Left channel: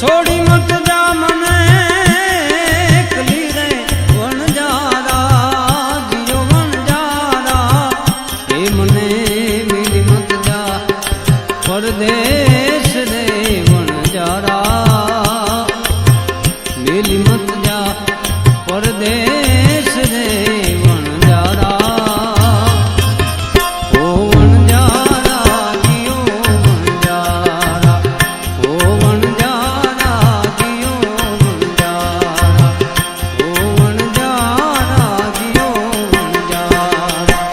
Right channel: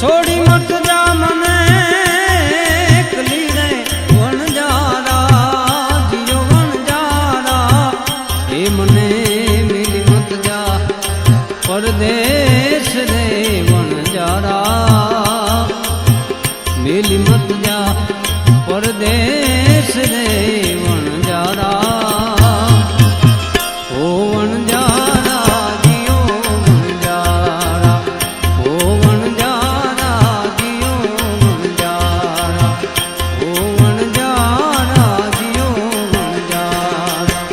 છોડી મત જા મને એકલી રે વણજારા જીયો વણજારા એ મને મિલી મત જા પરદેશ રે વણજારા મિલી મત જા પરદેશ રે વણજારા ઓ વણજારા જીયો વણજારા ઓ વણજારા જીયો વણજારા ઓ વણજારા જીયો વણજારા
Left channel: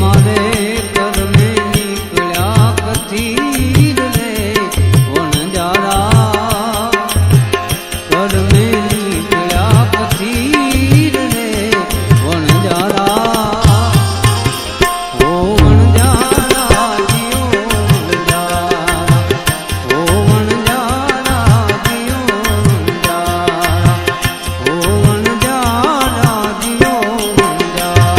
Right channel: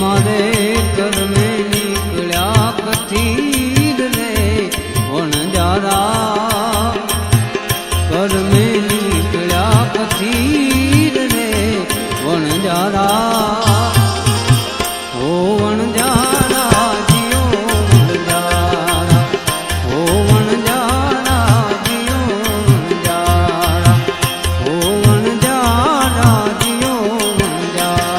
મારે કરમે નીકળ્યા કથીર રે વણજારા કરમે નીકળ્યા કથીર રે વણજારા ઓ વણજારા જીયો વણજારા ઓ વણજારા જીયો વણજારા ઓ વણજારા જીયો વણજારા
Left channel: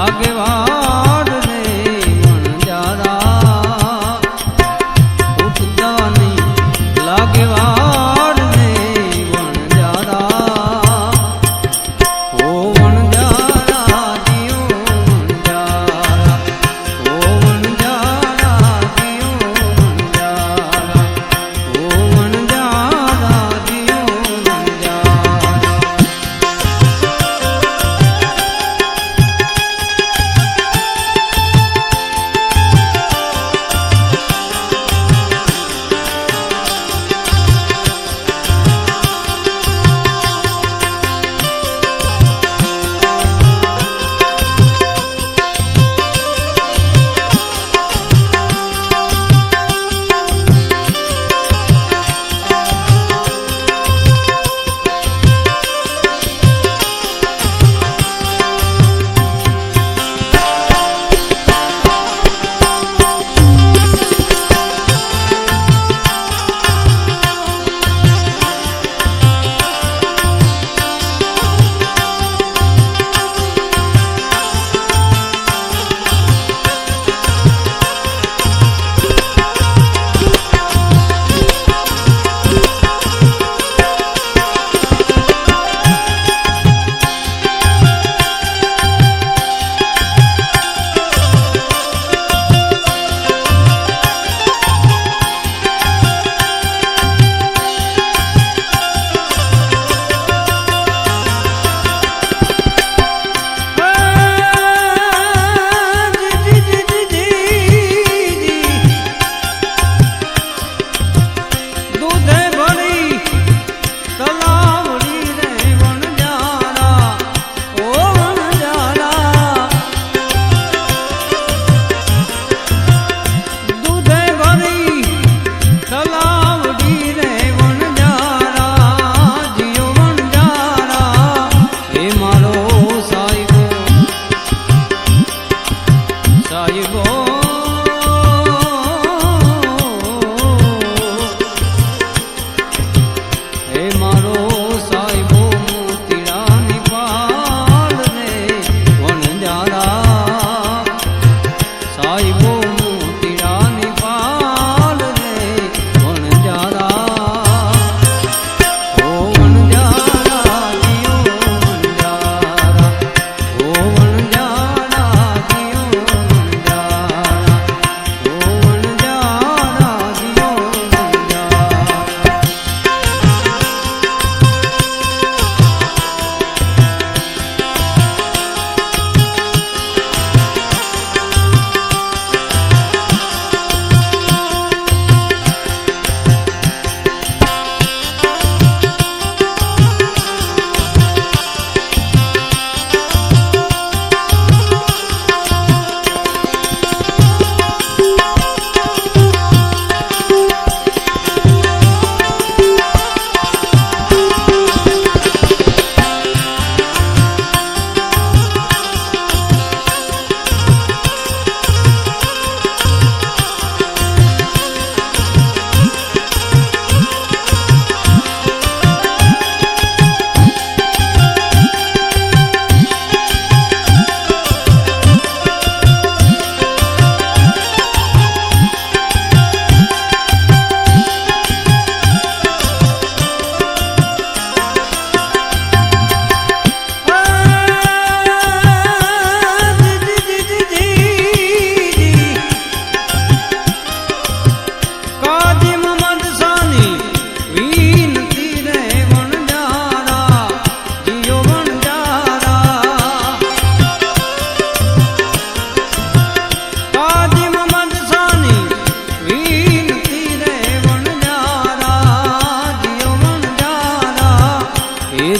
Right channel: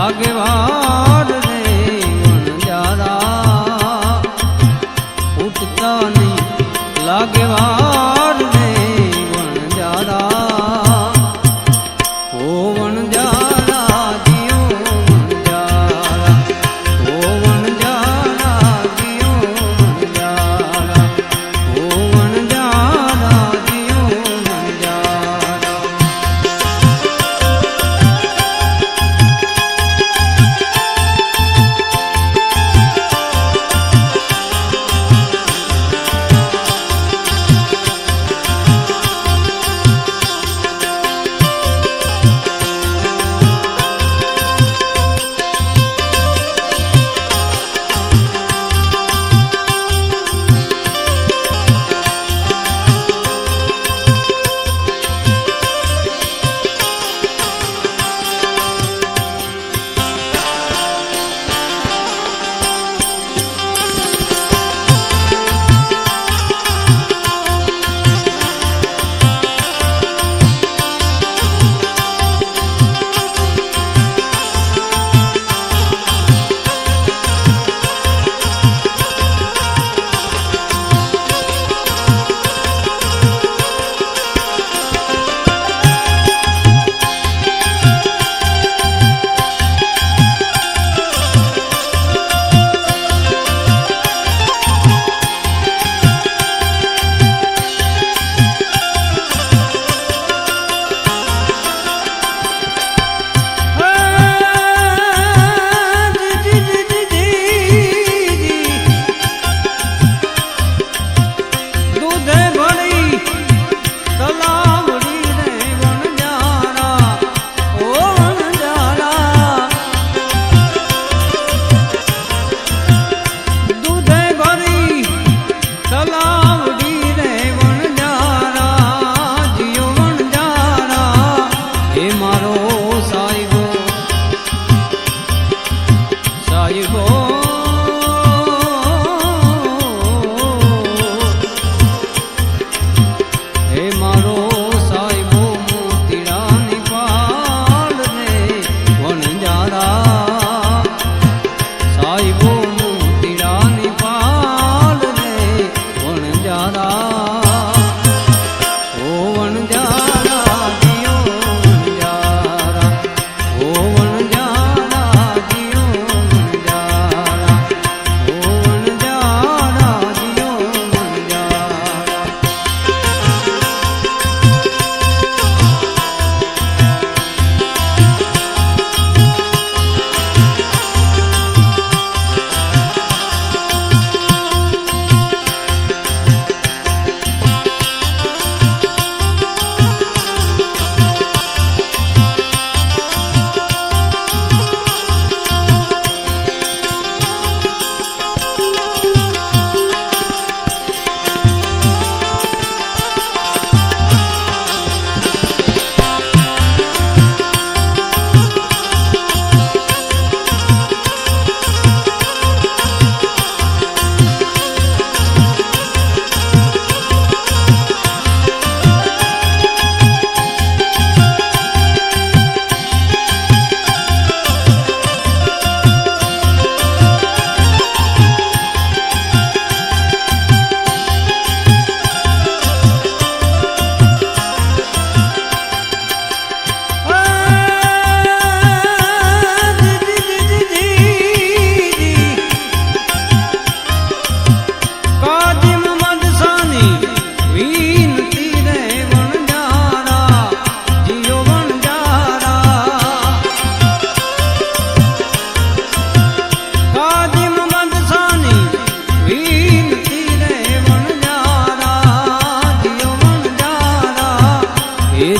આગેવાન રે વણજારા ઉઠતા નહીં લાગેવાર દૂધે ભરી તલાવડી રે વણજારા ઓ વણજારા દૂધે ભરી તલાવડી રે વણજારા જીઓ વણજારા હે મારો સાહેબો સાહેબો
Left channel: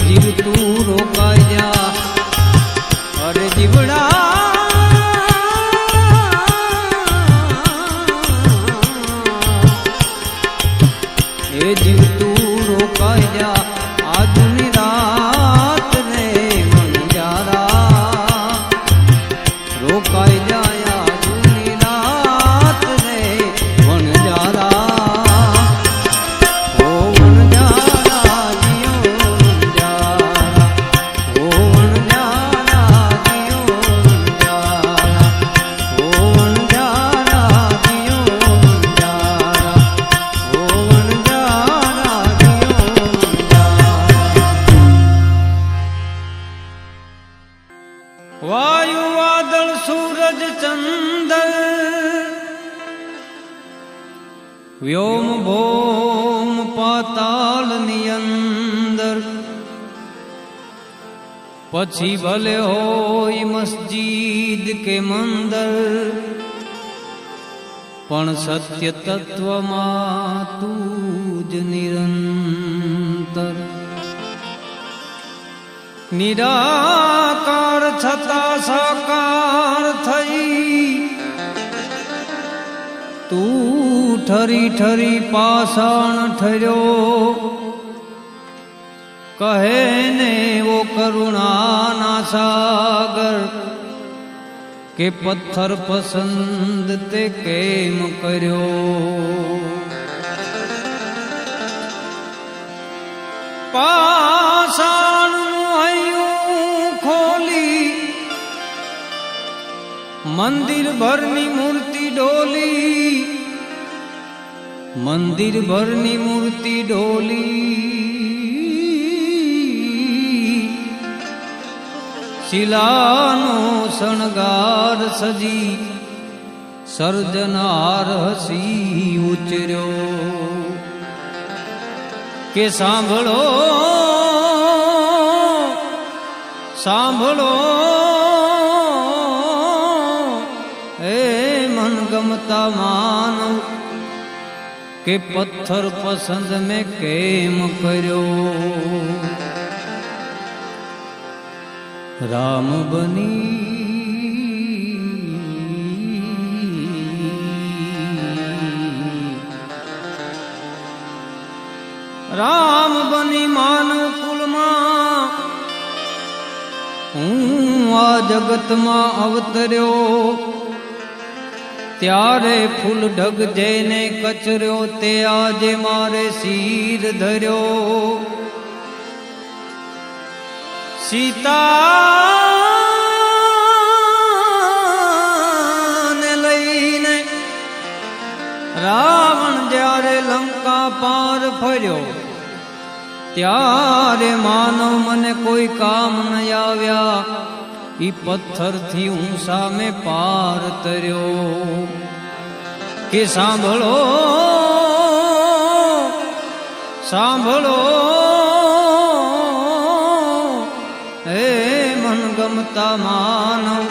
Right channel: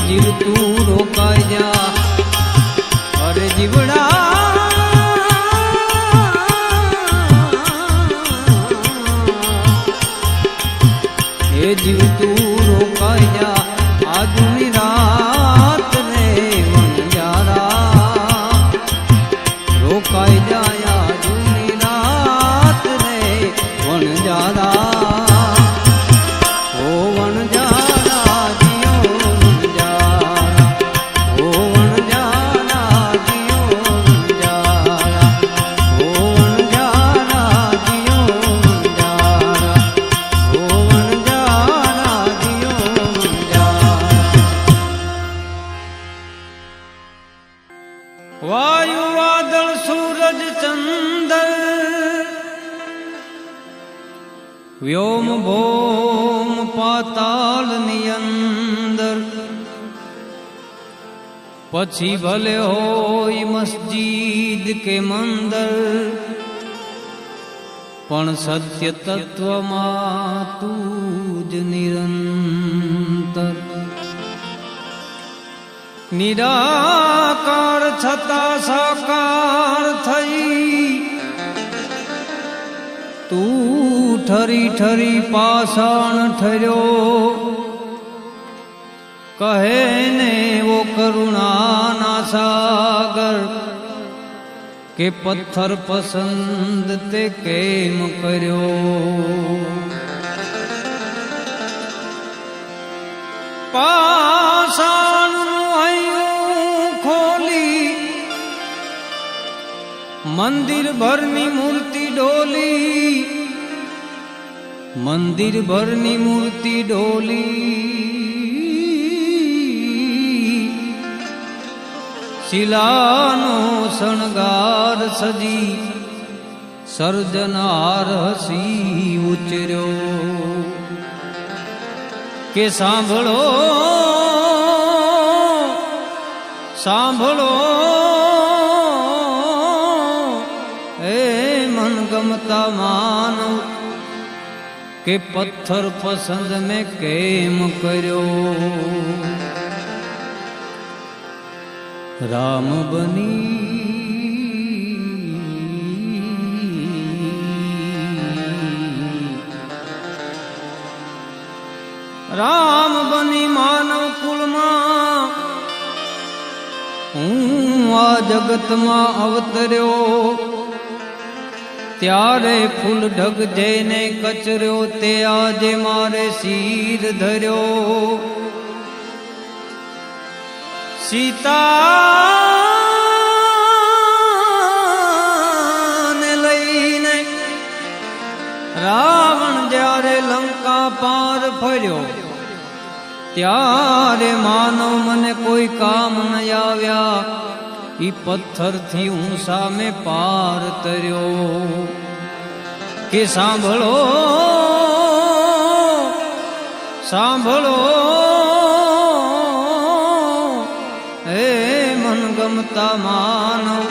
જીવ તું રોકાઈ જા અરે જીવડા એ જીવ તું રોકાઈ જા આજની રાત રે વણજારા રોકાઈ જાય આજની રાત રે વણજારા વાયુ વાદળ સૂરજ ચંદ્ર વ્યોમ ભોમ પાતાલ ની અંદર પછી ભલે હોય મસ્જિદ કે મંદર પણ સત્ય તત્વમાં તું જ નિરંતર નિરાકાર છતાં સાકાર થઈ તું ઠરી ઠરી પાષાણ ઠર્યો કહે ને વો કરુણાના સાગર કે પથ્થર પસંદ તે કેમ કર્યો પાષાણ મંદિર ભરની મૂર્તિ ડોલી મંદિર ભરની મૂર્તિ ડોલી શિલાનો શણગાર સજી સર્જનાર હસી ઉચર્યો કે સાંભળો સાંભળો એ મન ગમતા માનવ કે પથ્થર પસંદ મેં કેમ કર્યો, રામ બની રામ બની માનવ કુળમાં હું આ જગતમાં અવતર્યો, ત્યારે ફૂલ ઢગ જઈને કચર્યો, તે આજે મારે શીર ધર્યો. સીતાને લઈને રાવણ જ્યારે લંકા પાર ફર્યો, ત્યારે માનવ મને કોઈ કામ ન આવ્યા, ઈ પથ્થરથી હું સામે પાર તર્યો. કે સાંભળો સાંભળો હે મનગમતા માનવ,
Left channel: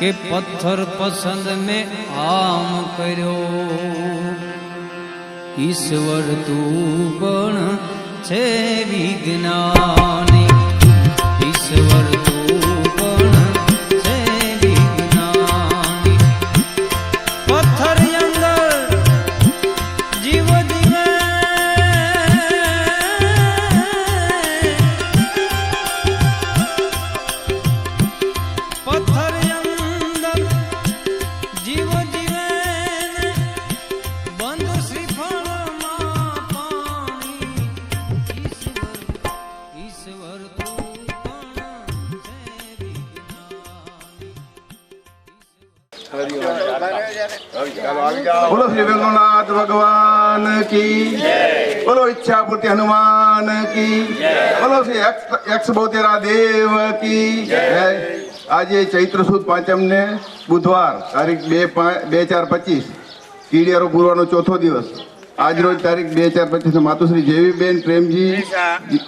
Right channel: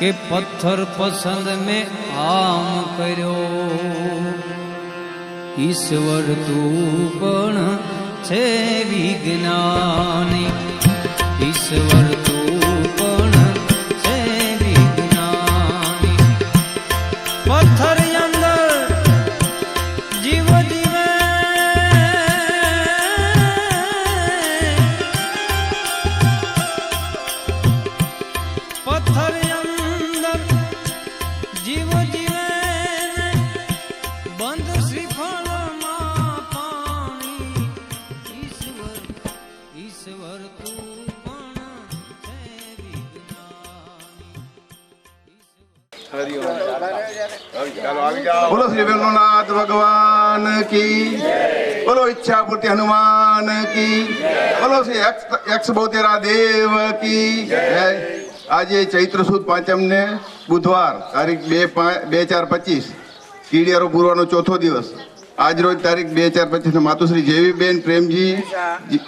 કે પથ્થર પસંદ મેં આમ કર્યો. ઈશ્વર તું પણ છે વિજ્ઞાની, ઈશ્વર તું પણ છે વિજ્ઞાની. પથ્થર અંદર જીવ જીવે, પથ્થર અંદર જીવ જીવે, બંધ શ્રીફળમાં પાણી. ઈશ્વર ઈશ્વર તું પણ છે વિજ્ઞાની. બોલો શ્રી વેણુનાથ ભગવાન કી, બોલો ઈચ્છા પૂર્તિ હનુમાન કી, બોલો શ્રી યક્ષ બોતેરા દેવ કી જય. આજે ચૈત્ર સુદ પાંચમ ને બુધવાર તારીખ 2/4/25 કીડિયારો પૂર્વનો ચોથો દિવસ. આજ રોજ તારીખ 2/4/25 માતુશ્રી જેવીબેન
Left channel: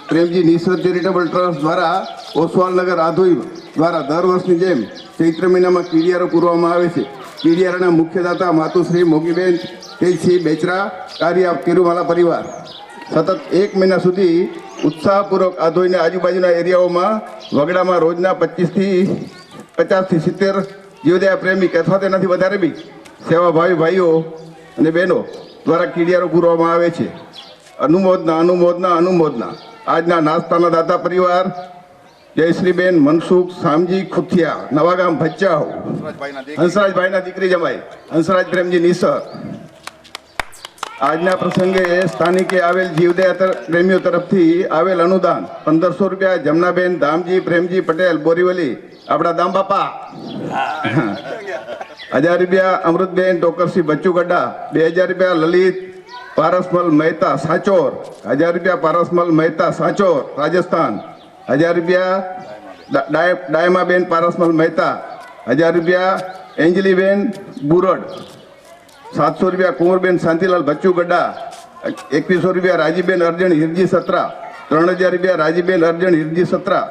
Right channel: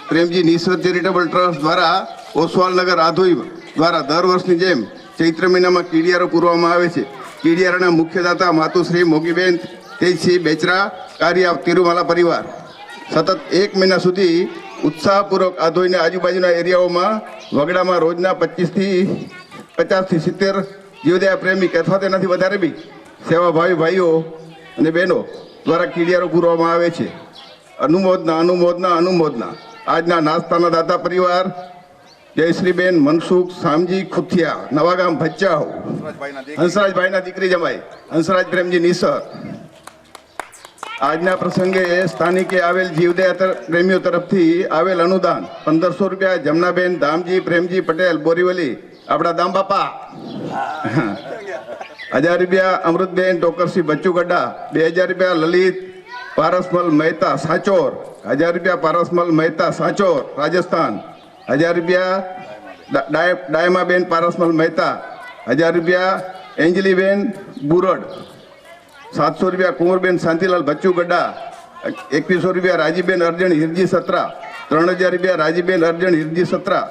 પ્રેમજી નિસરત ચેરિટેબલ ટ્રસ્ટ દ્વારા ઓસવાલનગર આધોઈ દ્વારા દર વર્ષની જેમ ચૈત્ર મહિનામાં કીડિયારો પૂરવામાં આવે છે. કીડિયારાના મુખ્યદાતા માતુશ્રી મોગીબેન તેજસિંહ બેચરા, કાર્ય તિરુમાલા પરિવાર. સતત 1 મહિના સુધી ઉત્સાહપૂર્વક આધોઈને આજુબાજુના એરિયાઓમાં વગડામાં રોજના 50 થી 70 જીવદયા પ્રેમિક અથવા તેનાથી વધારે બી સેવાભાવી ભાઈઓ અને બહેનો દ્વારા કીડિયારો પૂરવામાં આવે છે. અનુમોદના અનુમોદના અનુમોદના. આજના નાસ્તાના દાતા પરિવાર જયશ્રીબેન મનસુખ સામજી ખુથિયા, નવાગામ ભચાઉ, હંસરાજભાઈના દીકરી જમાઈ હંસરાજ પ્રેમજી નિસર. આજના પ્રસંગે સ્થાનિકે આવેલ જીવદયા પ્રેમીઓ તરફથી આવેલ અનુદાન 1500 રૂપિયા જમનાબેન ધામજી પ્રેમજી પટેલ બોરીવલી, આપણા દામ બાપા. 1000 રૂપિયા અમૃતબેન ટોકરસી બચ્ચુ ગड्ढा. 2000 રૂપિયા લલિત પારસમલ મહેતા સાચોર. 1000 રૂપિયા પારસમલ મહેતા સાચોર રાજસ્થાન. 1000 રૂપિયા ડાયમાબેન પારસમલ મહેતા. 1000 રૂપિયા એન્જલીબેન બુરડ. 700 રૂપિયા કુંવરબેન શાંતિલાલ બચ્ચુ ગड्ढा. 2100 રૂપિયા રાજીબેન અર્જણ હિરજી સત્રા. 3000 રૂપિયા રાજીબેન અર્જણ હિરજી સત્રા.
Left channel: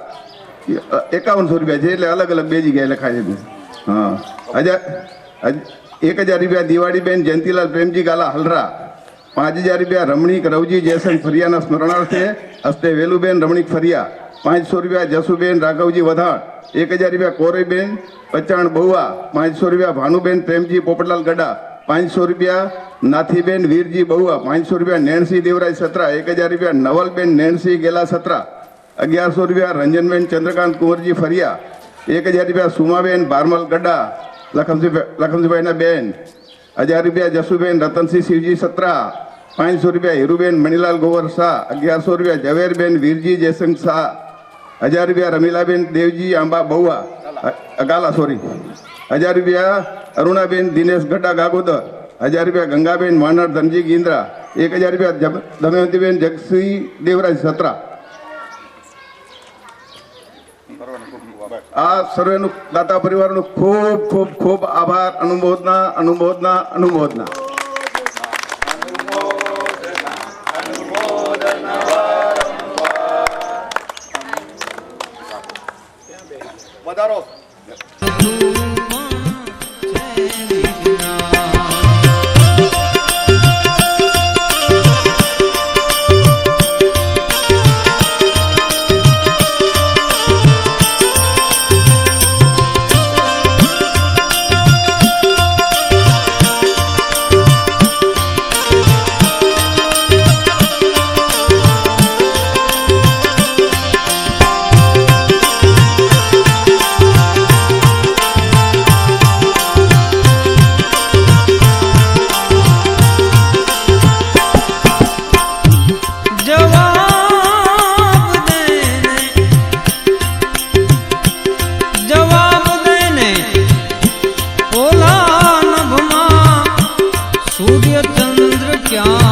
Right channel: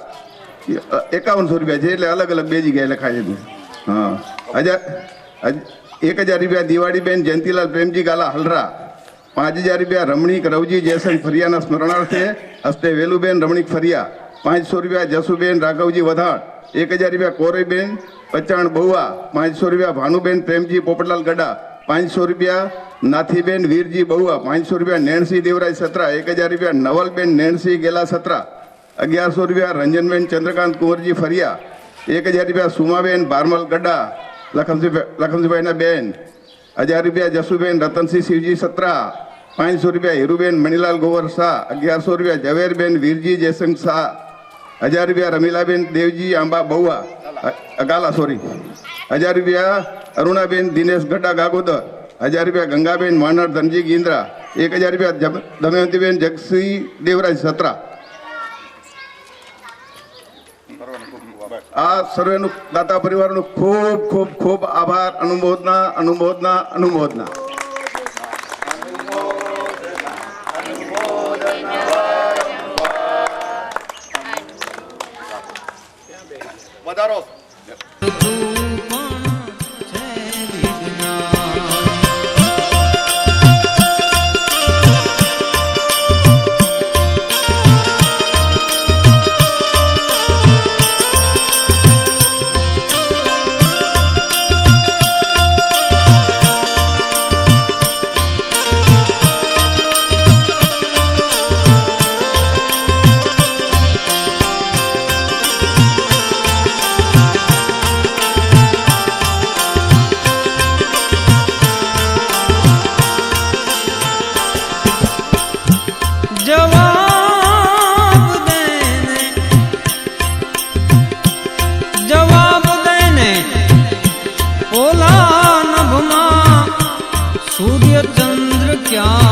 5100 રૂપિયા છે, એટલે અલગ અલગ બે જગ્યાએ લખાય છે. હા, 1000 રૂપિયા દિવાળીબેન જયંતિલાલ પ્રેમજી ગાલા હલરા. 5000 રૂપિયા રમણીક રવજી જયસંગ ફરિયાના સ્મરણાર્થે હસ્તે વેલુબેન રમણીક ફરિયા. 500 રૂપિયા જસુબેન રાઘવજી વધાણ. 1000 રૂપિયા કોરીબેન પચાણ બહુવા. 500 રૂપિયા ભાનુબેન પ્રેમજી પોપટલાલ ગડા. 500 રૂપિયા નાથીબેન વીરજી બહુવા. 500 રૂપિયા નેણસી દેવરાજ સત્રા. 1000 રૂપિયા નવલબેન નેણસી ગેલા સત્રા. 1100 રૂપિયા રંજનબેન ચંદ્રકાંત કુંવરજી ફરિયા. 1000 રૂપિયા સુમાબેન બારમલ ગડા લખમજીભાઈના બેન. 1000 રૂપિયા જસુબેન રતનસિંહ શિવજી સત્રા. 500 રૂપિયા હીરુબેન મણિલાલ ગોવર શાહ. 1100 રૂપિયા ઝવેરબેન વીરજી જયસંગ શાહ. 1000 રૂપિયા રમીલાબેન દેવજી આંબા બહુવા ગાલા 1000 રૂપિયા અરુણાબેન દિનેશ ગઢા ગાગોદર. 1000 રૂપિયા ગંગાબેન માનર ધનજી ગિંદ્રા. 1000 રૂપિયા દમયંતીબેન જગસિંહ દેવરાજ સત્રા. આ સર્વેનું દાતા પરિવારનો ખૂબ ખૂબ ખૂબ આભાર. અનુમોદના અનુમોદના અનુમોદના. વધારો ક્યાં